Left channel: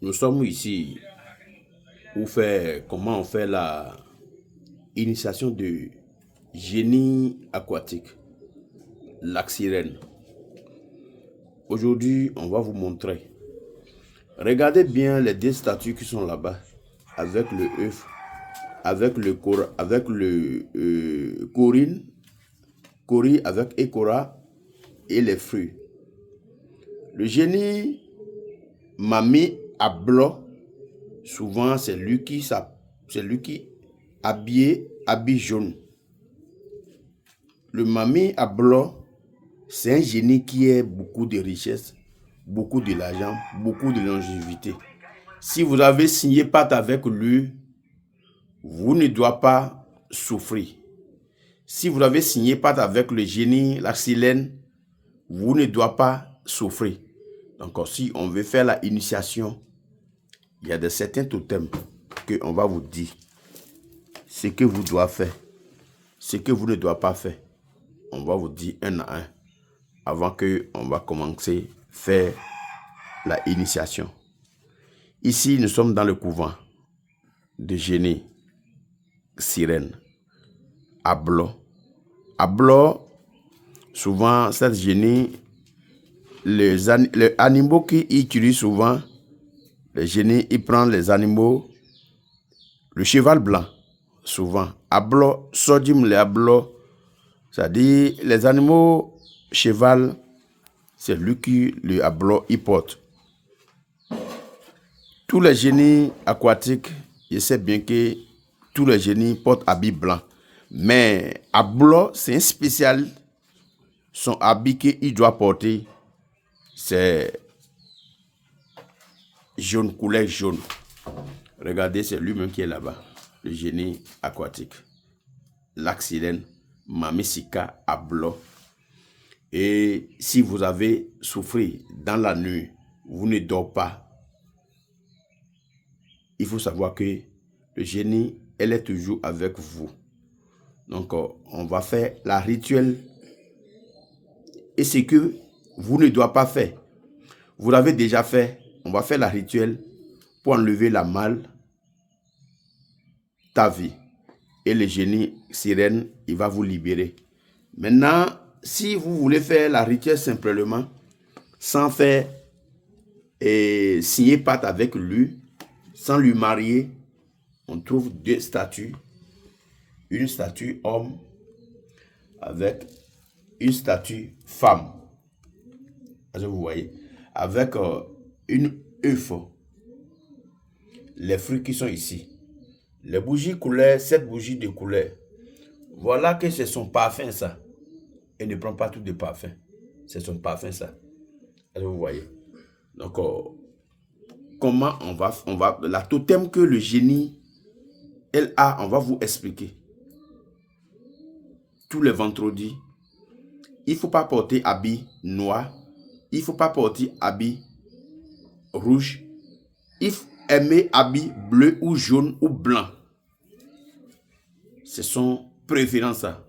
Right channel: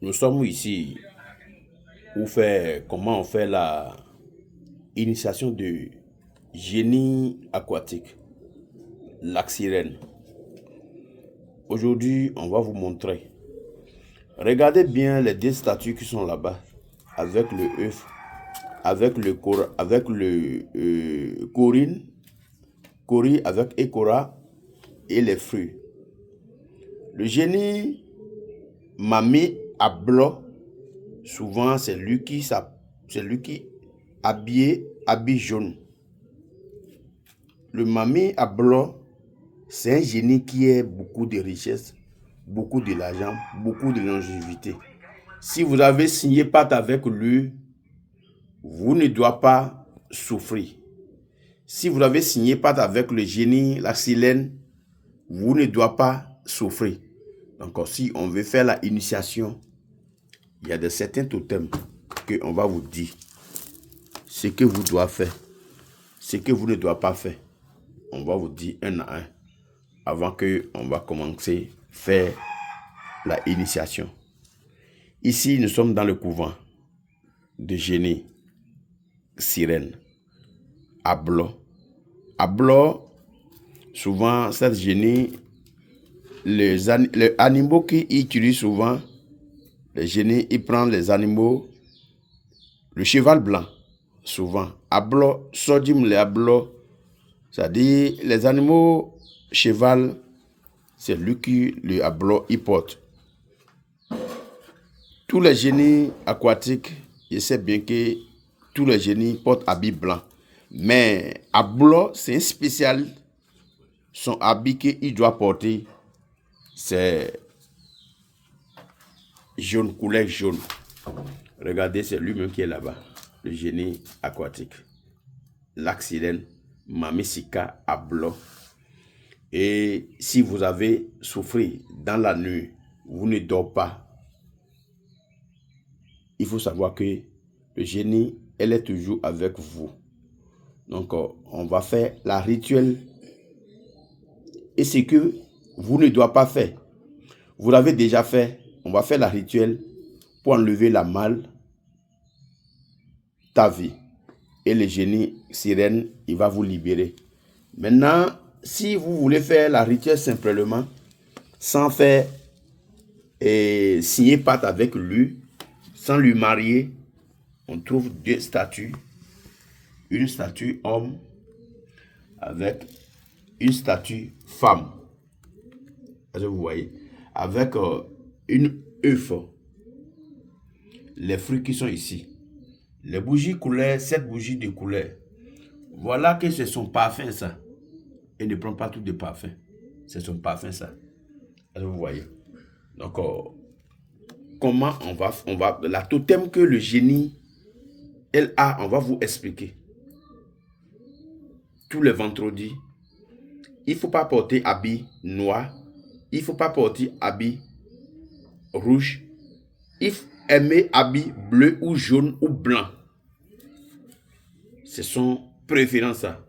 Nous sommes ici pour faire comment on fait la initiation de génie aquatique, lac sirène. Aujourd'hui, on va vous montrer. Regardez bien les deux statues qui sont là-bas, avec le œuf, avec le Corinne, Cori avec Ekora et les fruits. Le génie Mami Ablo, souvent c'est lui qui habille jaune. Le Mami Ablo, c'est un génie qui a beaucoup de richesse, beaucoup de l'argent, beaucoup de longévité. Si vous avez signé pacte avec lui, vous ne doit pas souffrir. Si vous avez signé pacte avec le génie, la silène, vous ne doit pas souffrir. Donc, si on veut faire la initiation, il y a certains totems qu'on va vous dire ce que vous devez faire, ce que vous ne devez pas faire. On va vous dire un à un avant qu'on va commencer à faire la initiation. Ici, nous sommes dans le couvent de génie sirène Ablo. Ablo, souvent, cette génie, les animaux qui utilisent souvent, le génie, il prend les animaux, le cheval blanc, souvent. Ablo, sodim le ablo, c'est-à-dire les animaux, cheval, c'est lui qui le ablo, il porte. Tous les génies aquatiques, je sais bien que tous les génies portent habit blanc. Mais Ablo, c'est un spécial. Son habit qu'il doit porter, c'est jaune, couleur jaune. Regardez, c'est lui-même qui est là-bas. Le génie aquatique. Lac sirène, Mamisika Ablo. Et si vous avez souffert dans la nuit, vous ne dormez pas. Il faut savoir que le génie, elle est toujours avec vous. Donc, on va faire la rituel. Et ce que vous ne devez pas faire, vous l'avez déjà fait. On va faire la rituel pour enlever la mal, ta vie. Et le génie sirène, il va vous libérer. Maintenant, si vous voulez faire la rituel simplement, sans faire et signer pacte avec lui, sans lui marier, on trouve deux statues. Une statue homme avec une statue femme. Vous voyez, avec une œuf. Les fruits qui sont ici. Les bougies couleur, 7 bougies de couleur. Voilà que c'est son parfum ça. Et ne prend pas tout de parfum. C'est son parfum ça. Vous voyez. Donc, comment on va, la totem que le génie, elle a, on va vous expliquer. Tous les vendredis, il ne faut pas porter habit noir. Il ne faut pas porter habit rouge. Il faut aimer habit bleu ou jaune ou blanc. C'est son préférence ça.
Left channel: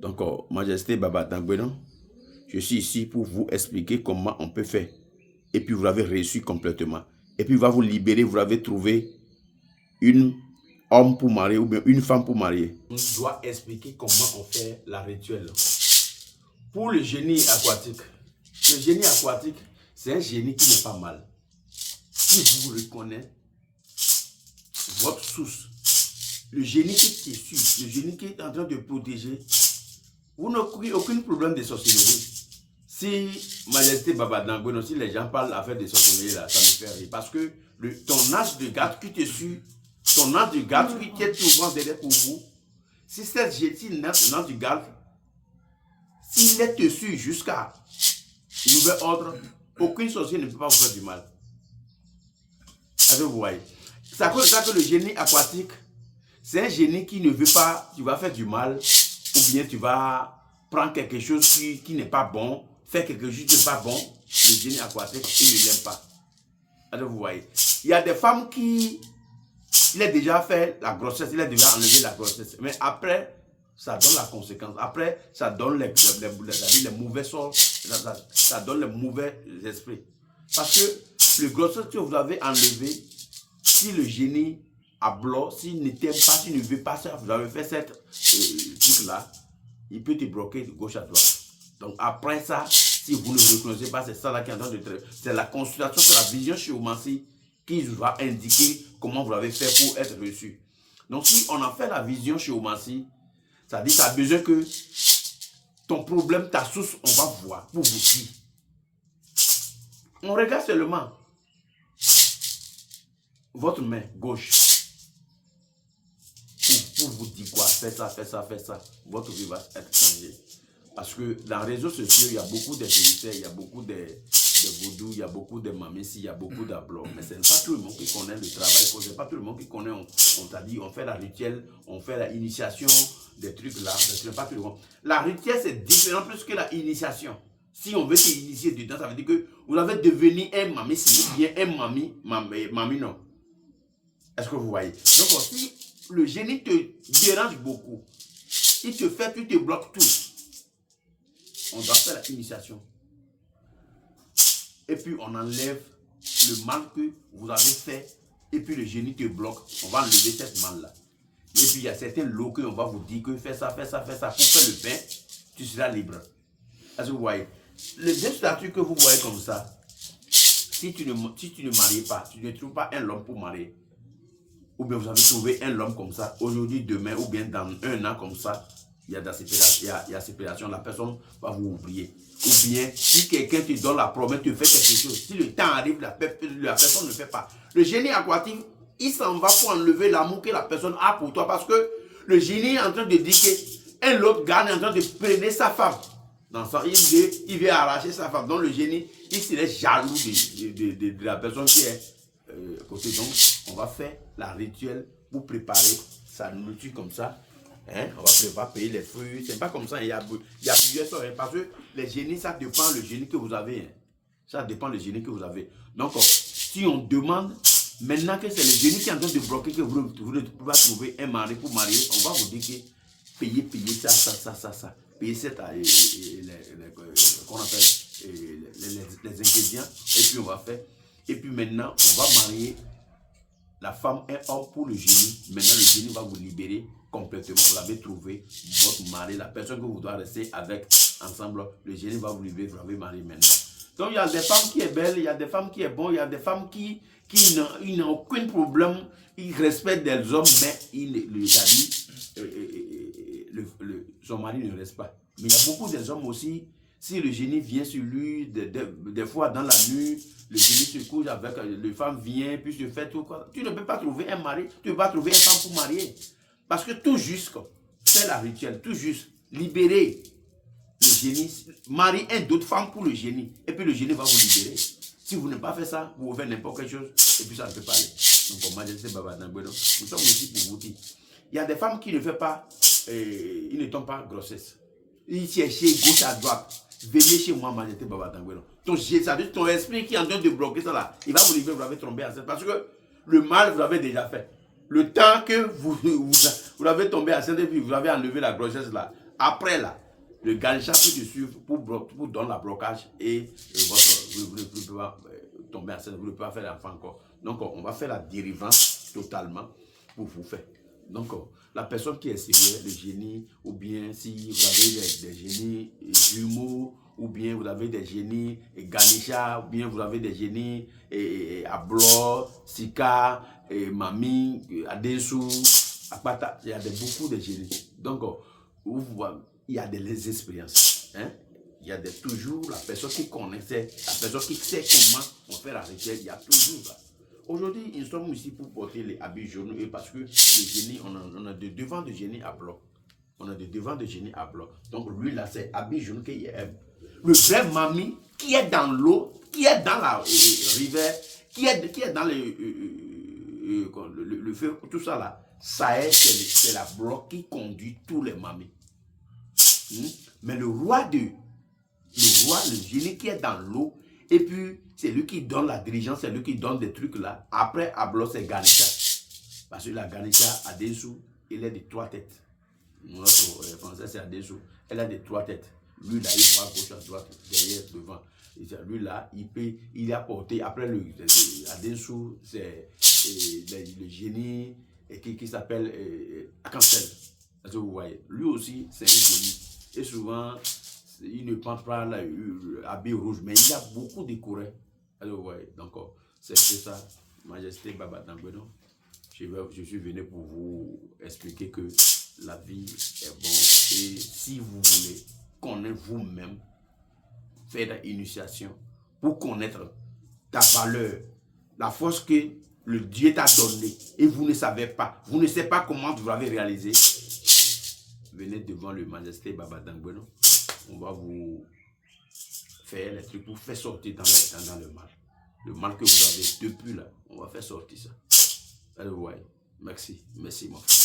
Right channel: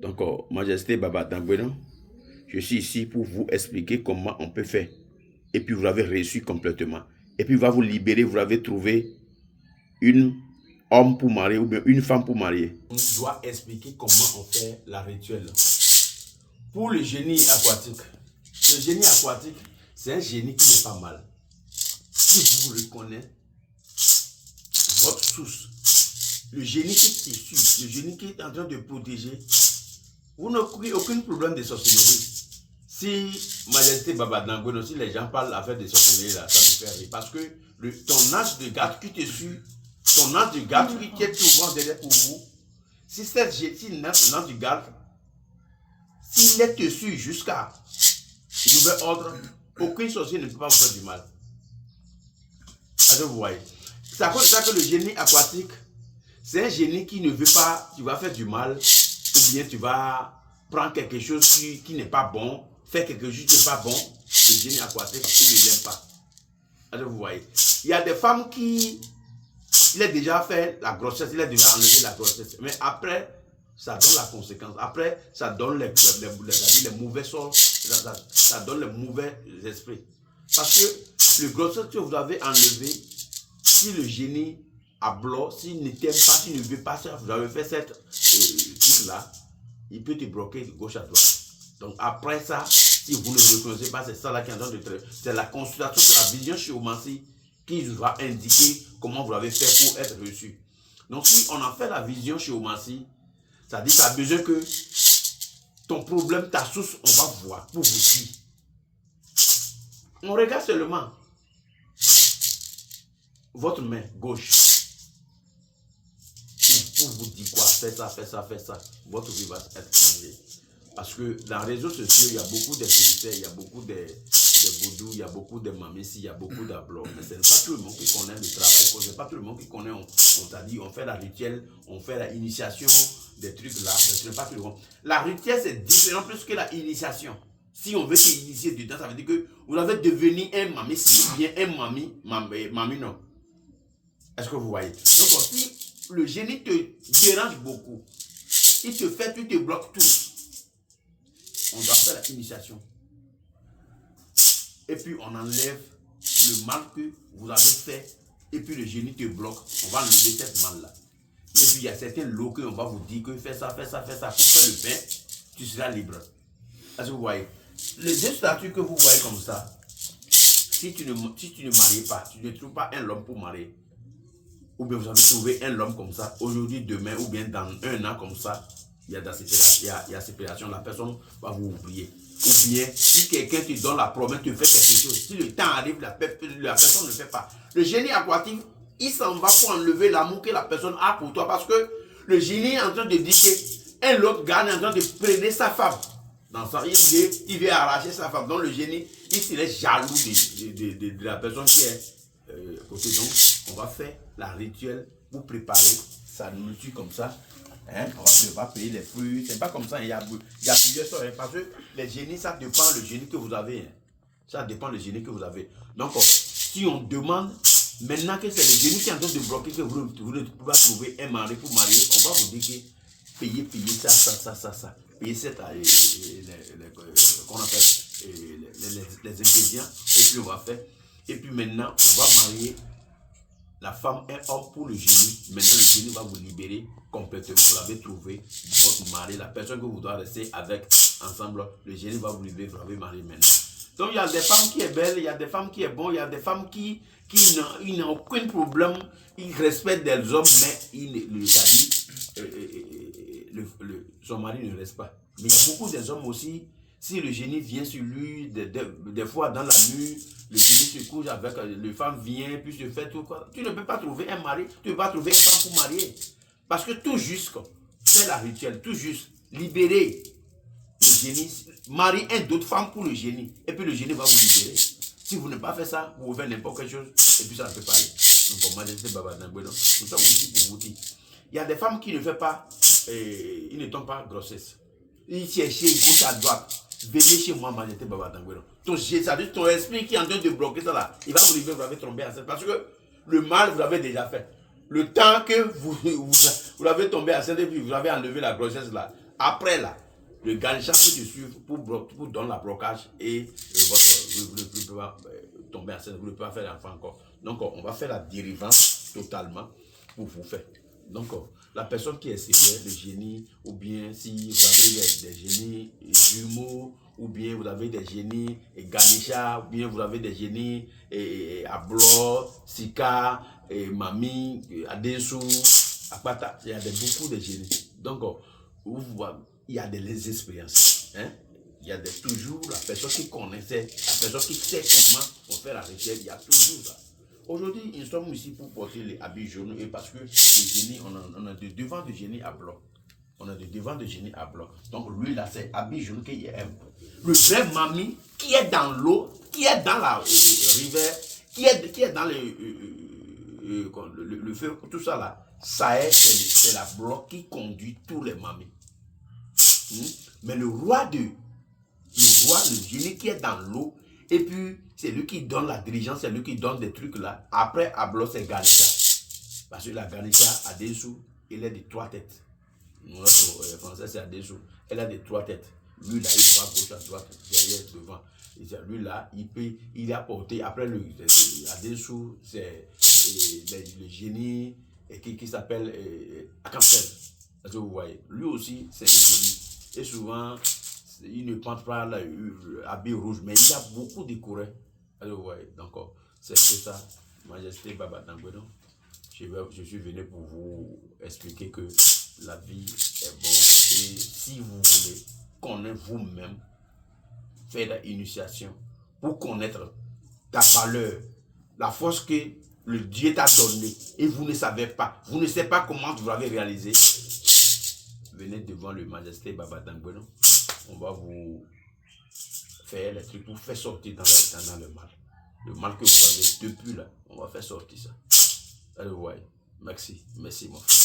Donc, Majesté Baba Dangweno, je suis ici pour vous expliquer comment on peut faire. Et puis vous l'avez reçu complètement. Et puis il va vous libérer, vous avez trouvé une homme pour marier ou bien une femme pour marier. On doit expliquer comment on fait la rituel. Pour le génie aquatique, c'est un génie qui n'est pas mal. Si vous reconnaissez votre source, le génie qui est suit, le génie qui est en train de protéger, vous n'avez aucun problème de sorcellerie. Si Majesté Baba Dangweno, si les gens parlent d'affaires de sorcellerie, là, ça me fait rire. Parce que ton âge de garde qui te suit, ton âge de garde qui est souvent derrière pour vous, si notre âge de garde, s'il est dessus jusqu'à nouvel ordre, aucun sorcier ne peut pas vous faire du mal. Vous voyez. C'est à cause de ça que le génie aquatique, c'est un génie qui ne veut pas, tu vas faire du mal, ou bien tu vas prendre quelque chose qui n'est pas bon, faire quelque chose qui n'est pas bon. Le génie aquatique, il ne l'aime pas. Alors vous voyez. Il y a des femmes qui, il a déjà fait la grossesse, il a déjà enlevé la grossesse, mais après, ça donne la conséquence. Après, ça donne les mauvais sorts, ça donne les mauvais esprits. Parce que le grossesse que vous avez enlevé, si le génie à bloc, s'il ne t'aime pas, s'il ne veut pas ça, vous avez fait cette truc-là, il peut te bloquer de gauche à droite. Donc après ça, si vous ne reconnaissez pas, c'est ça là qui est en train de traiter. C'est la consultation, c'est la vision géomancie qui va indiquer comment vous l'avez fait pour être reçu. Donc si on en fait la vision géomancie, ça dit que tu as besoin que ton problème, ta source, on va voir pour vous dire. On regarde seulement votre main gauche pour vous dire quoi, faites ça, faites ça, faites ça. Votre vie va être changée. Parce que dans les réseaux sociaux, il y a beaucoup de vérités, il y a beaucoup de vaudou, il y a beaucoup de mamési, il y a beaucoup d'ablots. Mais ce n'est pas tout le monde qui connaît le travail, ce n'est pas tout le monde qui connaît, on t'a dit, on fait la rituelle, on fait la initiation, des trucs là, ce n'est pas tout le monde. La rituelle, c'est différent plus que la initiation. Si on veut s'initier dedans, ça veut dire que vous avez devenu un mami, si bien un mami non. Est-ce que vous voyez? Donc, si le génie te dérange beaucoup, il te fait, tu te bloques tout. On doit faire l'initiation. Et puis on enlève le mal que vous avez fait. Et puis le génie te bloque. On va enlever cette mal-là. Et puis il y a certains lots qu'on va vous dire que fais ça, fais ça, fais ça. Pour faire le pain, tu seras libre. Est-ce que vous voyez? Les deux statuts que vous voyez comme ça, si tu ne maries pas, tu ne trouves pas un homme pour marier, ou bien vous avez trouvé un homme comme ça, aujourd'hui, demain, ou bien dans un an comme ça, il y a séparation, la personne va vous oublier. Ou bien, si quelqu'un te donne la promesse, te fait quelque chose, si le temps arrive, la personne ne le fait pas. Le génie aquatique, il s'en va pour enlever l'amour que la personne a pour toi, parce que le génie est en train de dire qu'un autre gars est en train de prendre sa femme. Dans ça, il veut arracher sa femme. Donc le génie, il serait jaloux de la personne qui est côté. Donc, on va faire la rituelle pour préparer sa nourriture comme ça. Hein? On va payer les fruits. C'est pas comme ça. Il y a plusieurs sortes. Parce que les génies, ça dépend du génie que vous avez. Hein? Ça dépend du génie que vous avez. Donc, si on demande, maintenant que c'est le génie qui est en train de bloquer, que vous ne pouvez pas trouver un mari pour marier, on va vous dire que payer ça. Payer cette, qu'on appelle les ingrédients. Et puis, on va faire. Et puis maintenant, on va marier la femme et homme pour le génie. Maintenant, le génie va vous libérer complètement. Vous l'avez trouvé, votre mari, la personne que vous devez rester avec ensemble. Le génie va vous libérer, vous l'avez marié maintenant. Donc, il y a des femmes qui sont belles, il y a des femmes qui sont bonnes, il y a des femmes qui n'ont aucun problème. Ils respectent des hommes, mais son mari ne reste pas. Mais il y a beaucoup des hommes aussi, si le génie vient sur lui, des fois dans la nuit, le génie se couche avec, les femmes viennent, puis se fait tout quoi. Tu ne peux pas trouver un mari, tu ne peux pas trouver une femme pour marier. Parce que tout juste, c'est la rituelle, tout juste, libérer le génie, marier une autre femme pour le génie, et puis le génie va vous libérer. Si vous n'avez pas fait ça, vous pouvez faire n'importe quelle chose, et puis ça ne peut pas aller. Donc, moi, je sais Baba Dangweno, nous sommes ici pour vous dire. Il y a des femmes qui ne font pas, ils ne tombent pas grossesse. Ils cherchent gauche à droite. Venez chez moi, Majesté Baba Dangweno. Ton esprit qui est en train de bloquer ça là, il va vous libérer, vous l'avez tombé enceinte. Parce que le mal, vous l'avez déjà fait. Le temps que vous l'avez tombé enceinte et puis vous avez enlevé la grossesse là. Après là, le ganica peut te suivre pour donner la blocage et vous ne pouvez pas tomber enceinte, vous ne pouvez pas faire l'enfant encore. Donc, on va faire la dérivance totalement pour vous faire. Donc, la personne qui est sérieuse, le génie, ou bien si vous avez des génies jumeaux, ou bien vous avez des génies Ganesha, ou bien vous avez des génies Ablo, Sika, Mami, Adesu, Apata, il y a beaucoup de génies. Donc, il y a des expériences. Hein? Il y a toujours la personne qui connaissait, la personne qui sait comment on fait la recherche, il y a toujours ça. Aujourd'hui, nous sommes ici pour porter les habits jaunes parce que le génie, on a de devant de génie à bloc. On a de devant de génie à bloc. Donc lui là, c'est habits jaunes qu'il aime. Le vrai mamie qui est dans l'eau, qui est dans la rivière, qui est dans le feu, tout ça là, ça est, c'est la bloc qui conduit tous les mamies. Mais le génie qui est dans l'eau, et puis c'est lui qui donne la dirigeance, c'est lui qui donne des trucs là. Après, Ablo, c'est Ganesha. Parce que la Ganesha, Adesu, elle est de 3 têtes. Notre français, c'est Adesu. Elle a de 3 têtes. Lui, là, il voit gauche à droite, derrière, devant. Lui là, il a porté, après là-dessous, c'est le génie qui s'appelle Akantel. Vous voyez, lui aussi, c'est un génie. Et souvent, il ne prend pas l'habit rouge, mais il a beaucoup décoré. Vous voyez, donc c'est un peu ça, Majesté Baba Dangweno. Je suis venu pour vous expliquer que la vie est bonne. Et si vous voulez connaître vous-même, faire l'initiation pour connaître ta valeur, la force que le Dieu t'a donnée et vous ne savez pas, vous ne savez pas comment vous l'avez réalisé, venez devant le Majesté Baba Dangweno. On va vous faire les trucs pour faire sortir dans le mal. Le mal que vous avez depuis là, on va faire sortir ça. Allez, vous voyez. Merci, mon frère.